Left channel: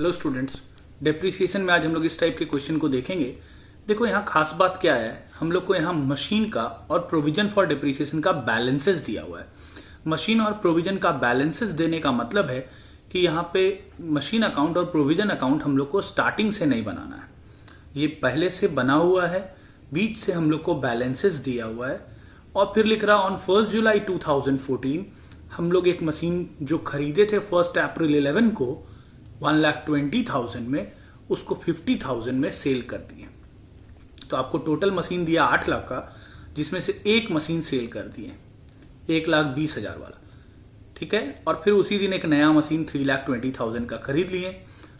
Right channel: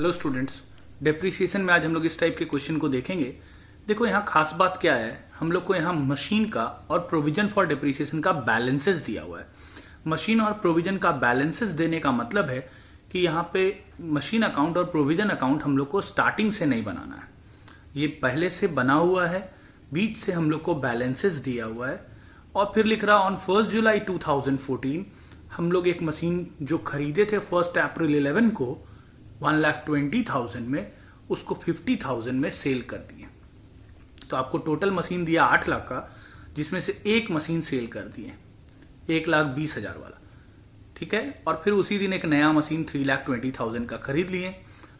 Hello students, depreciation में आज हम लोग इस टाइप के क्वेश्चन को देखेंगे। देखो यहाँ खास बात क्या है, हम लोग को यहाँ मशीन का और प्रोविजन फॉर डेप्रिसिएशन का बैलेंसेस दिया हुआ है। मशीन और प्रोविजन का बैलेंसेस देने का मतलब है कि यहाँ पे मशीन अकाउंट और प्रोविजन अकाउंट हम लोग को स्टार्टिंग से नहीं बनाना है, ये पहले से बना हुआ है, बीच से हम लोग को बैलेंसेस दिया हुआ है। और फिर लिख रहा ऑन 1 जुलाई 2014 हम लोग एक मशीन जो खरीदे थे 1 अप्रैल 11 को 1,20,000 में, उसको 50,000 में सेल कर दिए। तो आपको टोटल मशीन दिया 8 लाख का, जिसमें से एक मशीन सेल कर दिए 1,20,000 वाला, ठीक है। और फिर उसी दिन एक नया मशीन 3,20,000 का खरीद लिए।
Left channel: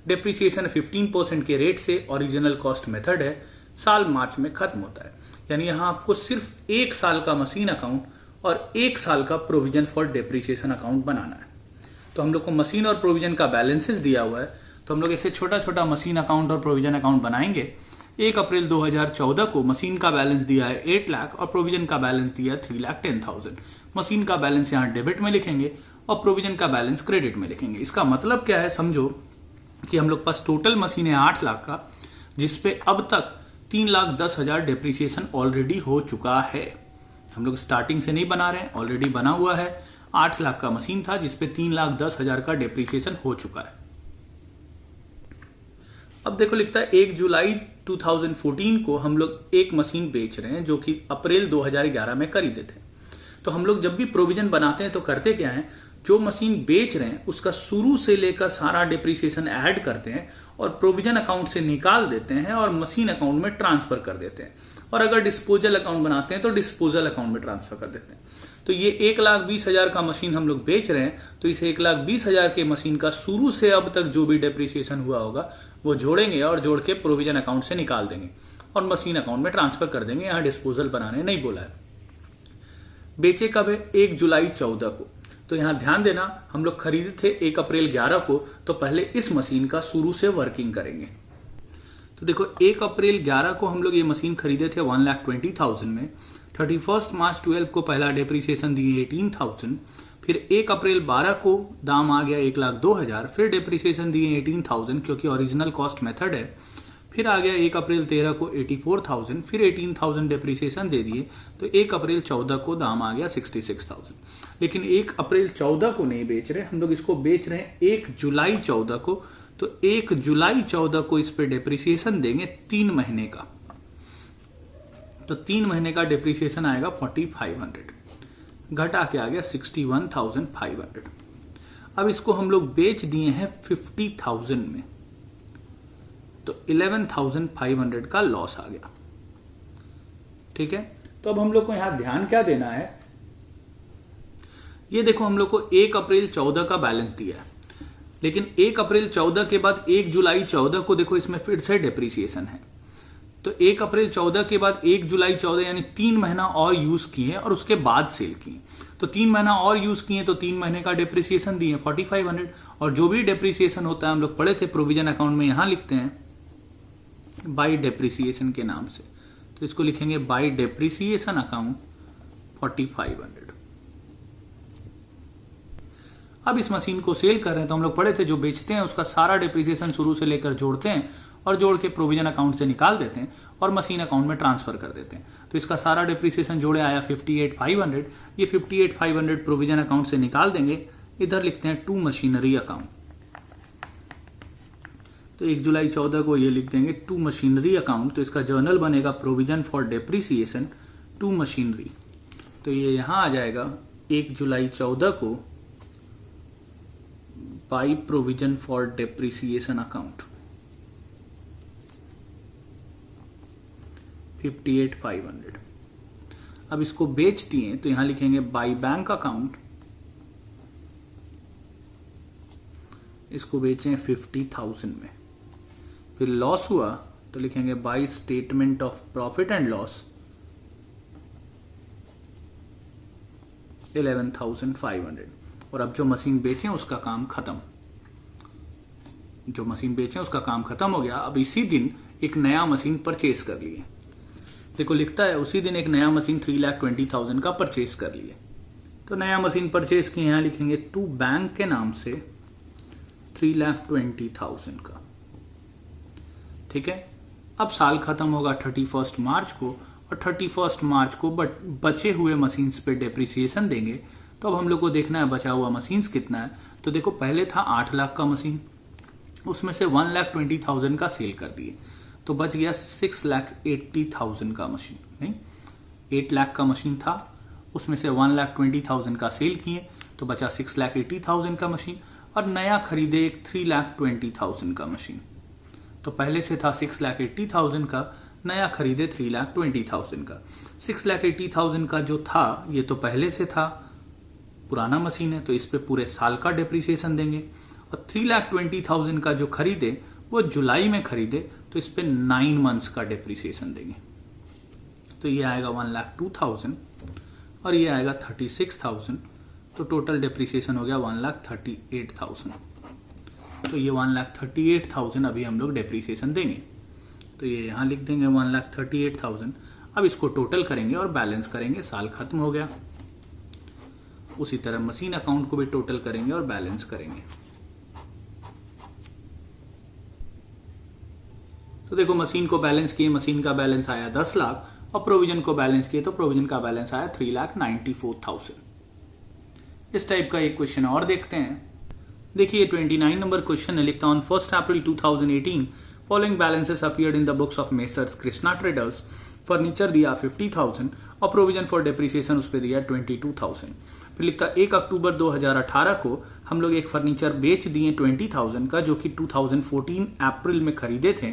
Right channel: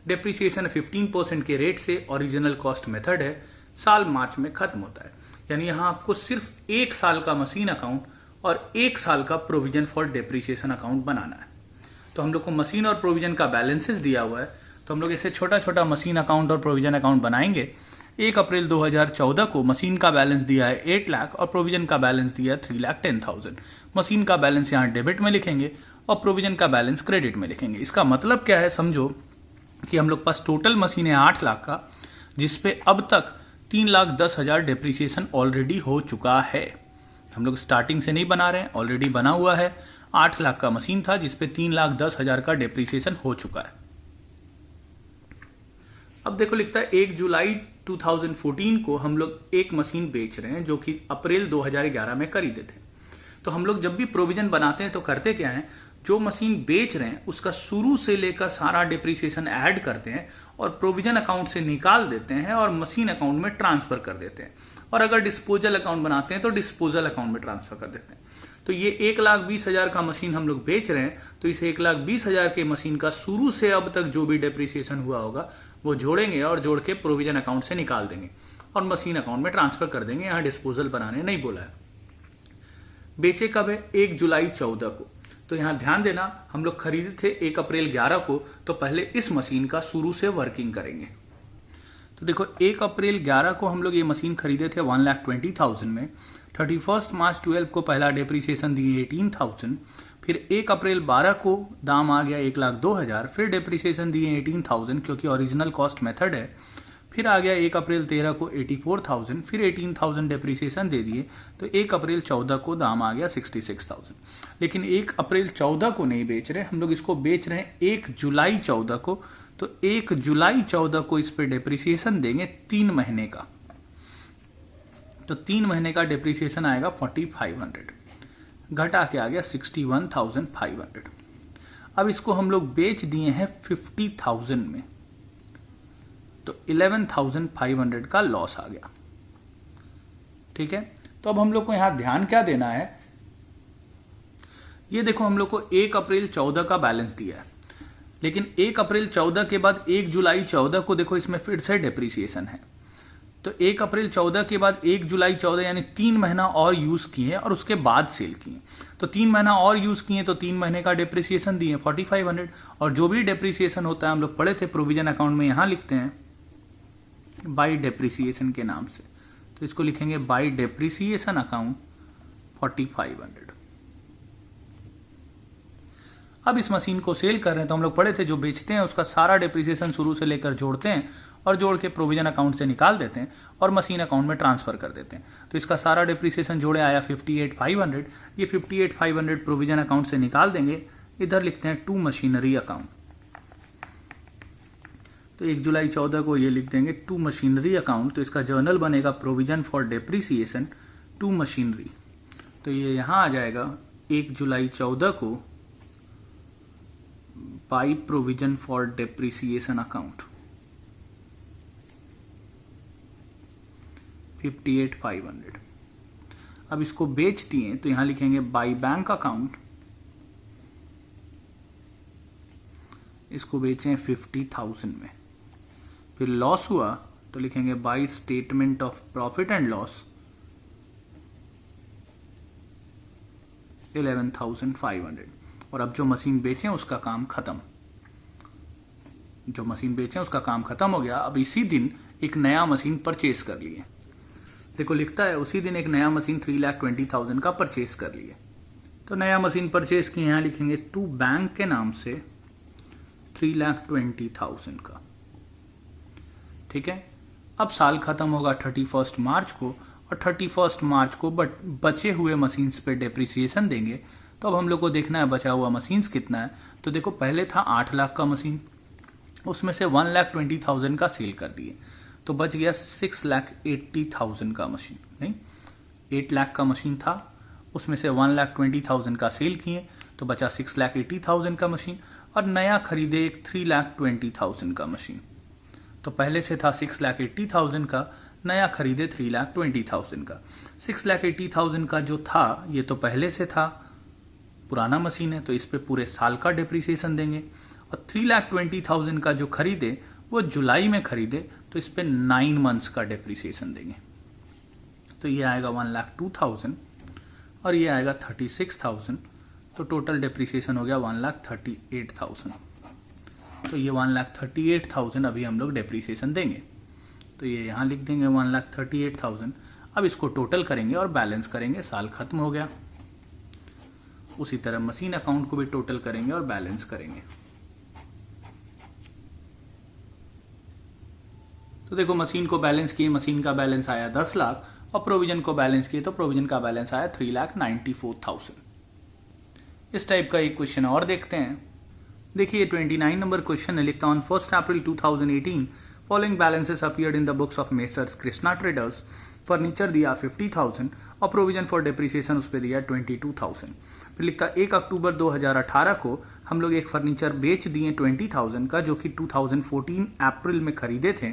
डेप्रिसिएशन 15% के रेट से ओरिजिनल कॉस्ट मेथड है, साल मार्च में खत्म होता है। यानी यहां आपको सिर्फ 1 साल का मशीन अकाउंट और 1 साल का प्रोविजन फॉर डेप्रिसिएशन अकाउंट बनाना है। तो हम लोग को मशीन और प्रोविजन का बैलेंसेस दिया हुआ है, तो हम लोग ऐसे छोटा छोटा मशीन अकाउंट और प्रोविजन अकाउंट बनाएंगे। 1 अप्रैल 2014 को मशीन का बैलेंस दिया है 8 लाख और प्रोविजन का बैलेंस दिया है 3,10,000। मशीन का बैलेंस यहाँ डेबिट में लिखेंगे और प्रोविजन का बैलेंस क्रेडिट में लिखेंगे। इसका मतलब क्या है, समझो कि हम लोग पास टोटल मशीन है 8 लाख का, जिसपे अब तक 3,10,000 डेप्रिसिएशन ऑलरेडी हो चुका है। हम लोग स्टार्टिंग से नहीं बना रहे हैं, ऑलरेडी बना हुआ है। 8 लाख का मशीन था जिसपे 3,10,000 का डेप्रिसिएशन हो चुका है। अब देखो लिखता है 1 जुलाई 2014 को हम लोग एक मशीन बेच रहे हैं जो कि अप्रैल 2011 में खरीदे थे। तो हम लोग जब भी प्रोविजन बनाते हैं तो करते क्या है, जो मशीन बेच रहे हैं उसका शुरू से लेकर सारा डेप्रिसिएशन ऐड करते हैं और प्रोविजन अकाउंट से निकाल देते हैं और मशीन अकाउंट में ट्रांसफर कर देते हैं। और अगर डिस्पोजल अकाउंट बनाते हैं तो डिस्पोजल अकाउंट में ट्रांसफर कर देते हैं। तो ये 1,20,000 का मशीन हम लोग बेच रहे हैं, तो इस 1,20,000 के मशीन का शुरू से अब तक जो भी डेप्रिसिएशन हुआ होगा वो जोड़ेंगे और जोड़ के प्रोविजन अकाउंट से निकाल देंगे और मशीन अकाउंट में ट्रांसफर कर देंगे। यहाँ डिस्पोजल बनाने नहीं बोला है। बेचे कब है, 1 जुलाई 14 को। तो यहाँ ध्यान देना, हम लोग खरीदे थे 1 अप्रैल 11 को, तो पहले इस मशीन का शुरू से वर्किंग करेंगे। तो देखो 1 अप्रैल 11 को हम लोग ये मशीन खरीदे थे 1,20,000 में। 31 मार्च 12 को पहला डेप्रिसिएशन दिए 18,000। फिर 1 अप्रैल 12 को दाम आ गया 1,02,000। फिर डेप्रिसिएशन दिए 18,000 क्योंकि ओरिजिनल कॉस्ट मेथड है। फिर आ गया 1 अप्रैल 13 को 84,000। फिर 18,000 डेप्रिसिएशन दे दिए, तो 1 अप्रैल 14 को दाम आ गया 66,000। लेकिन 1 अप्रैल 14 को नहीं बेच रहे, हम लोग इसको बेच रहे हैं 1 जुलाई 14 को। तो 1 जुलाई 14 को इस पे डेप्रिसिएशन देंगे 3 महीने का। तो 3 महीने का डेप्रिसिएशन आएगा 4,500, घटा के आ गया 61,500। अब इसको हम लोग बेच दिए हैं 50,000 में, तो 11,500 का लॉस आ गया, ठीक है। तो अब हम लोग को यहां ध्यान क्या देना है, ये देखो हम लोग को 1 अप्रैल 14 का बैलेंस दिया है, लेकिन 1 अप्रैल 14 के बाद 1 जुलाई 14 को देखो इसमें फिर से डेप्रिसिएशन है। तो 1 अप्रैल 14 के बाद 1 जुलाई 14 यानी 3 महीना और यूज किए और उसके बाद सेल किए। तो 3 महीना और यूज किए तो 3 महीने का डेप्रिसिएशन दिए 4,500। और जो भी डेप्रिसिएशन होता है हम लोग पढ़े थे प्रोविजन अकाउंट में, यहां लिखते हैं बाय डेप्रिसिएशन के नाम से। तो इसको लिखेंगे बाय डेप्रिसिएशन अकाउंट 4,500। अब इस मशीन को सेल कर रहे हैं, तो हम लोग पढ़े थे जो बेचते हैं उसका सारा डेप्रिसिएशन शुरू से लेकर जोड़ते हैं और जोड़ के प्रोविजन अकाउंट से निकाल देते हैं और मशीन अकाउंट में ट्रांसफर कर देते हैं। तो इसका सारा डेप्रिसिएशन जोड़े आया 58,500। ये 58,500 प्रोविजन अकाउंट से निकाल देंगे। इधर लिखते हैं टू मशीनरी अकाउंट। तो 1 जुलाई 14 को ये लिख देंगे टू मशीनरी अकाउंट। तो इसका जर्नल बनेगा provision for depreciation to machinery. तो ये यहां आ जाएगा 1 जुलाई 14 को by provision for depreciation account 58,500। अब इसको बेच दिए तो यहां लिखेंगे बाय बैंक अकाउंट, इसको बेचे 50,000 में। फिर लॉस हुआ तो लिखेंगे by statement of profit and loss 11,500। और अब जो मशीन बेचे उसका काम खत्म, जो मशीन बेचे उसका काम खत्म हो गया। अब इसी दिन एक नया मशीन परचेज कर लिए। देखो लिखता है उसी दिन एक नया मशीन 3,20,000 का परचेज कर लिए। तो नया मशीन परचेज की यहां लिखेंगे टू बैंक के नाम से 3,20,000 का। ठीक है, अब साल खत्म होगा 31 मार्च को, और 31 मार्च को बचे हुए मशीन्स पे डेप्रिसिएशन देंगे। तो अब हम लोग को देखना है बचा हुआ मशीन्स कितना है। तो देखो, पहले था 8 लाख का मशीन, उसमें से 1,20,000 का सेल कर दिए, तो बच गया 6,80,000 का मशीन। नहीं, 8 लाख का मशीन था, उसमें से 1,20,000 का सेल किए, तो बचा 6,80,000 का मशीन। और नया खरीदे एक 3,20,000 का मशीन। तो पहले से था 6,80,000 का, नया खरीदे 3,20,000 का। 6,80,000 का जो था ये तो पहले से था, पुराना मशीन है, तो इस पे पूरे साल का डिप्रिसिएशन देंगे। और 3,20,000 का जो खरीदे वो जुलाई में खरीदे, तो इस पे 9 मंथ्स का डिप्रिसिएशन देंगे। तो ये आएगा 1,02,000 और ये आएगा 36,000। तो टोटल डिप्रिसिएशन हो गया 1,38,000। तो ये 1,38,000 अभी हम लोग डिप्रिसिएशन देंगे। तो ये यहां लिख देंगे 1,38,000। अब इसको टोटल करेंगे और बैलेंस करेंगे, साल खत्म हो गया। उसी तरह मशीन अकाउंट को भी टोटल करेंगे और बैलेंस करेंगे। तो देखो, मशीन को बैलेंस किए, मशीन का बैलेंस आया 10 लाख, और प्रोविजन को बैलेंस किए तो प्रोविजन का बैलेंस आया 3,94,000। इस टाइप का एक क्वेश्चन और देखते हैं। देखिए 29 नंबर क्वेश्चन है, लिखता on 1 April 2018 following balances appeared in the books of messrs Krishna traders. Furniture दिया 50,000 और प्रोविजन फॉर डेप्रिसिएशन उस पर दिया 22,000। फिर लिखता 1 अक्टूबर 2018 को हम लोग एक फर्नीचर बेच दिए 20,000 का, जो कि 2014 अप्रैल में खरीदे थे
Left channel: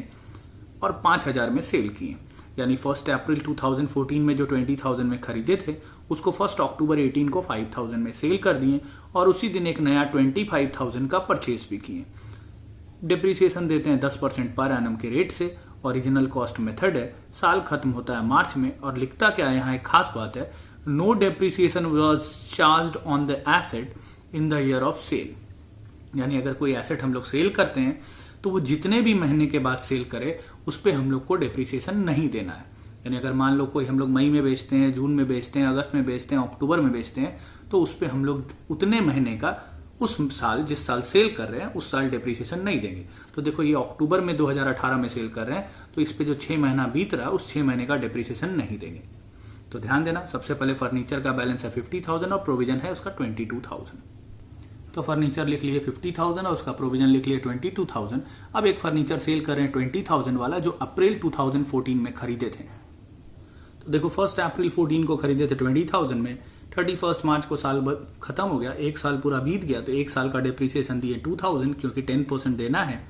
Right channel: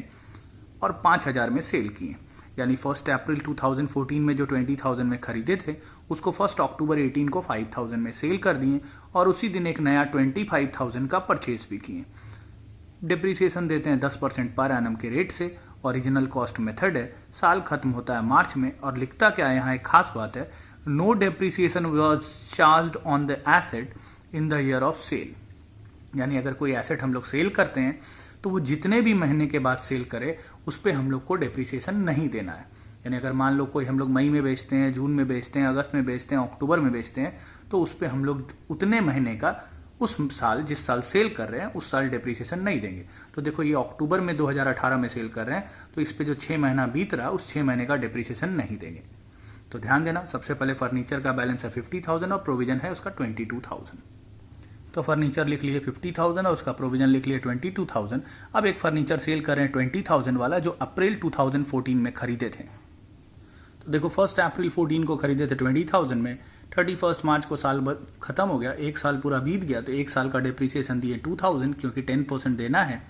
और 5,000 में सेल किए। यानी 1 अप्रैल 2014 में जो 20,000 में खरीदे थे उसको 1 अक्टूबर 18 को 5,000 में सेल कर दिए, और उसी दिन एक नया 25,000 का परचेज भी किए। डिप्रिसिएशन देते हैं 10% पर एनम के रेट से, ओरिजिनल कॉस्ट मेथड है, साल खत्म होता है मार्च में। और लिखता क्या है, यहाँ एक खास बात है, no depreciation was charged on the asset in the year of sale. यानी अगर कोई एसेट हम लोग सेल करते हैं तो वो जितने भी महीने के बाद सेल करे उस पर हम लोग को डेप्रिसिएशन नहीं देना है। यानी अगर मान लो कोई हम लोग मई में बेचते हैं, जून में बेचते हैं, अगस्त में बेचते हैं, अक्टूबर में बेचते हैं, तो उस पर हम लोग उतने महीने का उस साल जिस साल सेल कर रहे हैं उस साल डेप्रिसिएशन नहीं देंगे। तो देखो, ये अक्टूबर में 2018 में सेल कर रहे हैं, तो इस पे जो 6 महीना बीत रहा है उस 6 महीने का डेप्रिसिएशन नहीं देंगे। तो ध्यान देना, सबसे पहले फर्नीचर का बैलेंस है 50,000 और प्रोविजन है उसका 22,000। तो फर्नीचर लिख लिए 50,000 और उसका प्रोविजन लिख लिए 22,000। अब एक फर्नीचर सेल कर रहे हैं 20,000 वाला, जो अप्रैल 2014 में खरीदे थे। तो देखो, 1 अप्रैल 14 को खरीदे थे 20,000 में, 31 मार्च को साल खत्म हो गया, एक साल पूरा बीत गया, तो एक साल का डिप्रिसिएशन दिए 2,000 क्योंकि 10% देना है।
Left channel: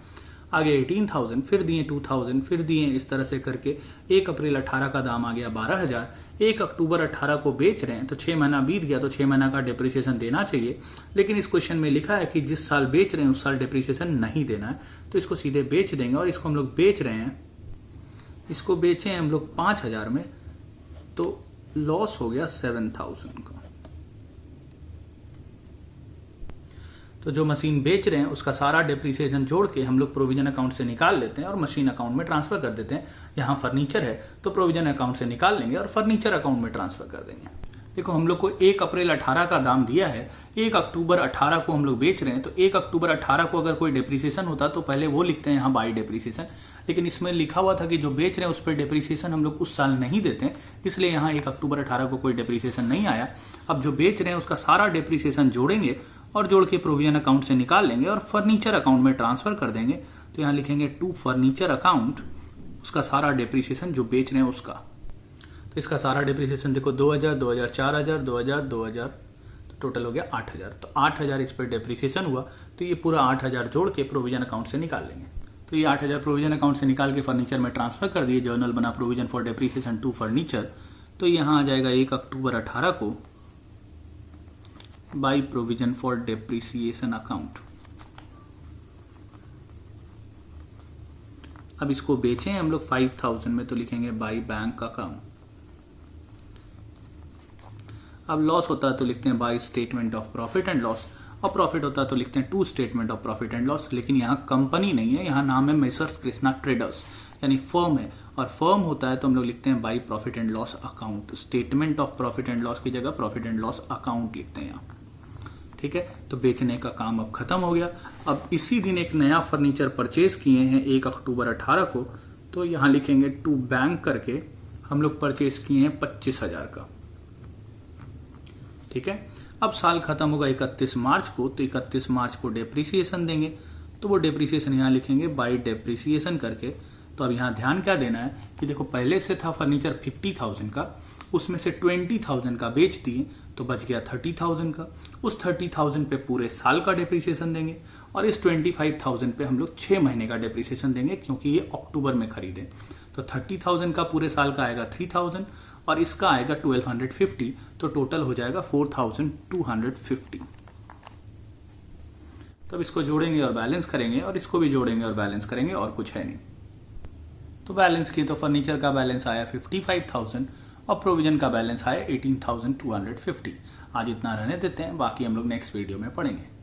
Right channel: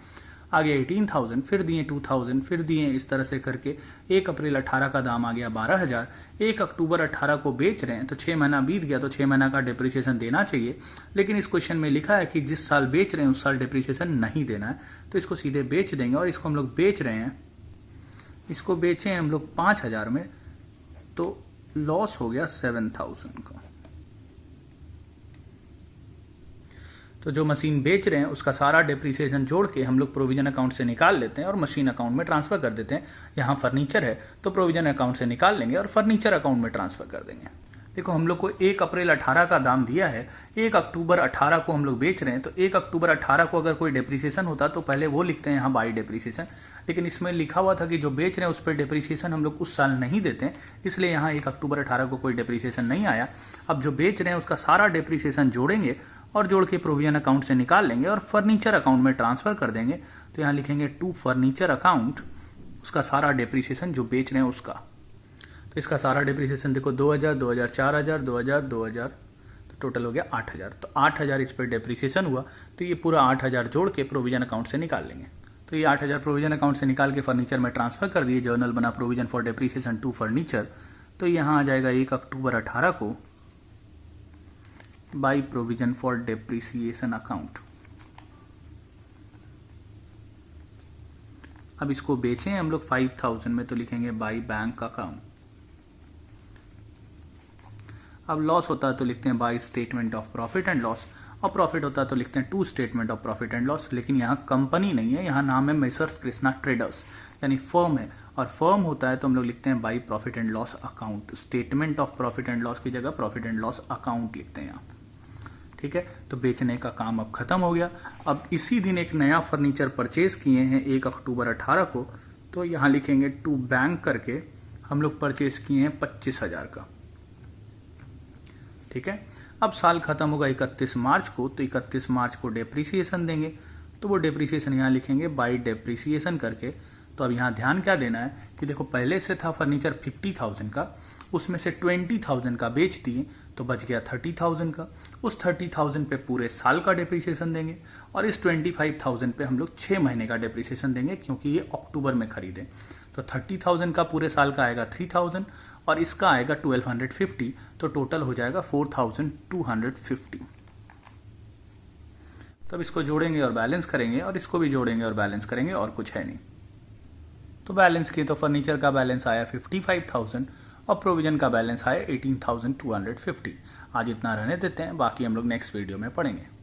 आगे 18,000, फिर दिए 2,000, फिर दिए, इस तरह से करके 1 अप्रैल 18 का दाम आ गया 12,000। 1 अक्टूबर 18 को बेच रहे हैं तो 6 महीना बीत गया, तो 6 महीना का डिप्रिसिएशन देना चाहिए। लेकिन इस क्वेश्चन में लिखा है कि जिस साल बेच रहे हैं उस साल डिप्रिसिएशन नहीं देना है, तो इसको सीधे बेच देंगे। और इसको हम लोग बेच रहे हैं, इसको बेचे हम लोग 5,000 में, तो लॉस हो गया 7,000 का। तो जो मशीन बेच रहे हैं उसका सारा डिप्रिसिएशन जोड़ के हम लोग प्रोविजन अकाउंट से निकाल लेते हैं और मशीन अकाउंट में ट्रांसफर कर देते हैं। यहाँ फर्नीचर है तो प्रोविजन अकाउंट से निकाल लेंगे और फर्नीचर अकाउंट में ट्रांसफर कर देंगे। देखो, हम लोग को 1 अप्रैल 18 का दाम दिया है, 1 अक्टूबर 18 को हम लोग बेच रहे हैं, तो 1 अक्टूबर 18 को अगर कोई डिप्रिसिएशन होता तो पहले वो लिखते हैं यहाँ बाई डिप्रिसिएशन। लेकिन इसमें लिखा हुआ था कि जो बेच रहे हैं उस पर डिप्रिसिएशन हम लोग उस साल नहीं देते हैं, इसलिए यहाँ 1 अक्टूबर 18 को कोई डिप्रिसिएशन नहीं आया। अब जो बेच रहे हैं उसका सारा डिप्रिसिएशन जोड़ेंगे और जोड़ के प्रोविजन अकाउंट से निकाल लेंगे और फर्नीचर अकाउंट में ट्रांसफर कर देंगे। तो यहाँ लिखेंगे टू फर्नीचर अकाउंट, उसका सारा डिप्रिसिएशन जो बेच रहे हैं उसका। तो इसका सारा डिप्रिसिएशन देखो 2,000, 2,000, 4,000, 2,000, 2,000, तो टोटल हो गया 8,000। तो 8,000 इस पर डिप्रिसिएशन हुआ, तो ये पूरा 8,000 जोड़ के प्रोविजन अकाउंट से निकाल लेंगे। तो ये 8,000 प्रोविजन अकाउंट से निकाल के फर्नीचर में ट्रांसफर कर दिए, जर्नल बना provision for depreciation to furniture. तो यहाँ आ जाएगा 1 अक्टूबर 18 को by provision for depreciation account. अब इसको बेचें हम लोग 5,000 में, तो लिखेंगे बाई बैंक अकाउंट। अब लॉस होता है तो लिखते हैं by statement of profit and loss, और प्रॉफिट होता है तो लिखते हैं to statement of profit and loss. लेकिन यहाँ कंपनी नहीं है, यहाँ नाम है मेसर्स कृष्णा ट्रेडर्स, यानी फर्म है, और फर्म होता है तो हम लोग लिखते हैं by profit and loss account. Statement of profit and loss की जगह प्रॉफिट एंड लॉस अकाउंट लिखते हैं यहाँ। ठीक है, तो बेचने का काम अब खत्म हो गया। अब इसी दिन एक नया फर्नीचर परचेज किए हैं 1 अक्टूबर 18 को, तो यहां लिखेंगे टू बैंक करके हम लोग परचेज किए हैं 25,000 का। ठीक है, अब साल खत्म होगा 31 मार्च को, तो 31 मार्च को डेप्रिसिएशन देंगे, तो वो डेप्रिसिएशन यहाँ लिखेंगे बाई डेप्रिसिएशन करके। तो अब यहाँ ध्यान क्या देना है कि देखो पहले से था फर्नीचर 50,000 का, उसमें से 20,000 का बेच दिए तो बच गया 30,000 का। उस 30,000 पे पूरे साल का डेप्रिसिएशन देंगे और इस 25,000 पे हम लोग 6 महीने का डेप्रिसिएशन देंगे क्योंकि ये अक्टूबर में खरीदे। तो 30,000 का पूरे साल का आएगा 3,000 और इसका आएगा 1250, तो टोटल हो जाएगा 4,250। तब इसको जोड़ेंगे और बैलेंस करेंगे और इसको भी जोड़ेंगे और बैलेंस करेंगे, और कुछ है नहीं। तो बैलेंस किए तो फर्नीचर का बैलेंस आया 55,000 और प्रोविजन का बैलेंस आया 18,250। आज इतना रहने देते हैं, बाकी हम लोग नेक्स्ट वीडियो में पढ़ेंगे।